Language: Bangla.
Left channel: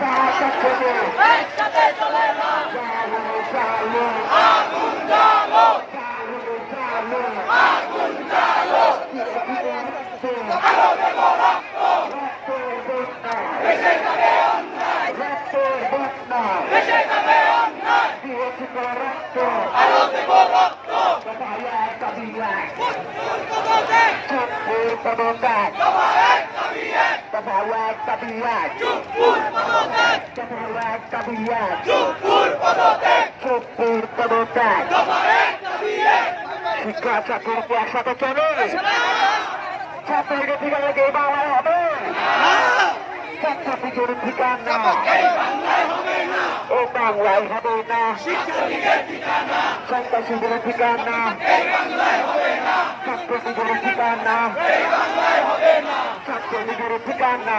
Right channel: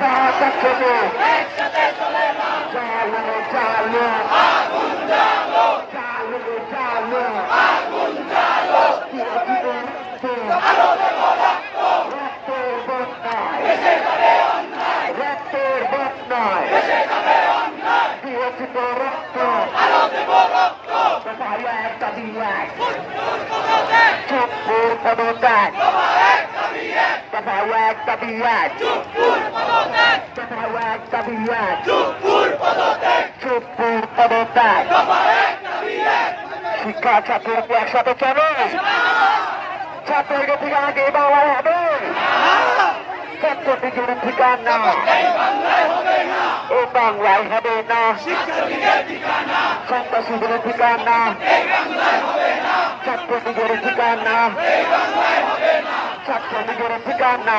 কাটা ছোট চালো চালো চালো চালো রক্তের বন্যায় রক্তের বন্যায় দিয়েছি তো রক্ত কোথায় একটা দিয়ে চুপুর পদত্যাগ কোথায় একটা দিয়ে কোথায় একটা দিয়ে চুপুর পদত্যাগ শিক্ষা ছাত্রীরা একসাথে চলো ছাত্রকে ঠিক আমাকে এই বাংলায় হবে ছাত্রটি জোরে ঠিকানা এই বাংলায় হবে না সন্ত্রাসীদের ঠিকানা ছাত্রটি জোরে ঠিকানা ছাত্রটি জোরে ঠিকানা